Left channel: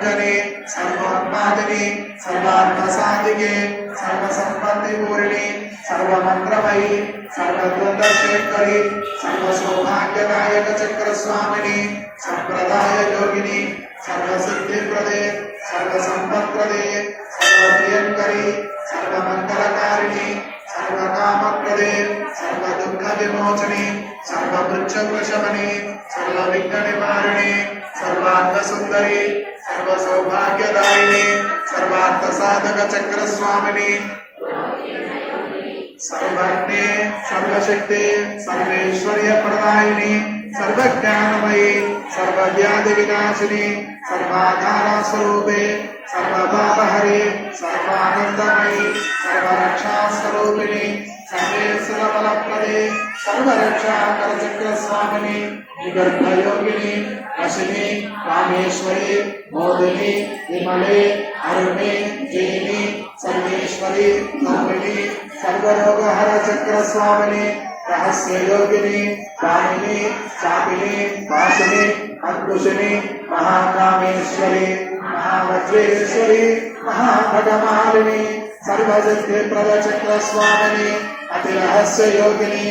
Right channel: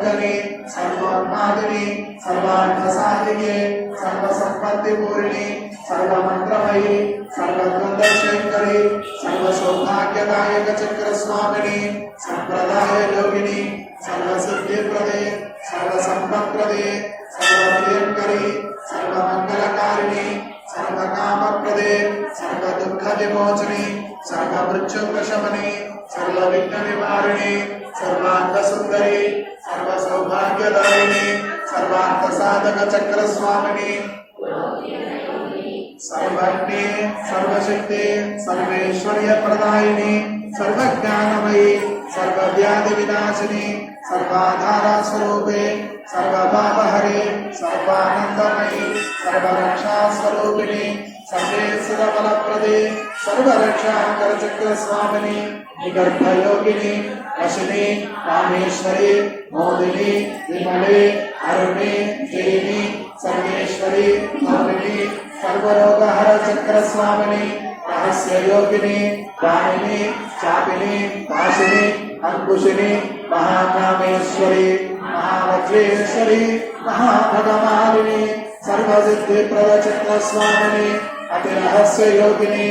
सर्वात्मादिनी सर्वार्थसाधिके सर्वसंपत्तिपूर्णी सर्वमंत्रमयी सर्वद्वंद्वशेखरी सर्वसौभाग्यदायक चक्रस्वामिनी संप्रदाय योगिनी सर्वसिद्धिप्रदे सर्वसंपत्प्रदे सर्वप्रियंकरी सर्वमंगलकारिणी सर्वकामप्रदे सर्वदुःखविमोचनी सर्ववृक्षवशमनी सर्वविघ्ननिवारिणी सर्वार्थसुंदरी सर्वसौभाग्यदायिनी सर्वार्थसाधक चक्रस्वामिनी सर्वज्ञे सर्वशक्ति सर्वेश्वर्यप्रदायिनी सर्वज्ञानमयी सर्वव्याधिविनाशिनी सर्वाधारस्वरूपे सर्वपापहरे सर्वानन्दमयी सर्वरक्षास्वरूपिणी सर्वेश्वरबलप्रदे सर्वरक्षाकरचक्रस्वामिनी निगर्भयोगिनी अशिनी कामेश्वरी मोदिनी विमले अरुणे जयिनी सर्वेश्वरी अमृणी सर्वरोगहर चक्रस्वामिनी रहस्य योगिनी वाणिनी चापिनी वासिनी अंकुशिनी महाकामेश्वरी महावज्रेश्वरी महाभगमालिनी सर्वसिद्धिप्रद चक्रस्वामिनी अतिरहस्य योगिनी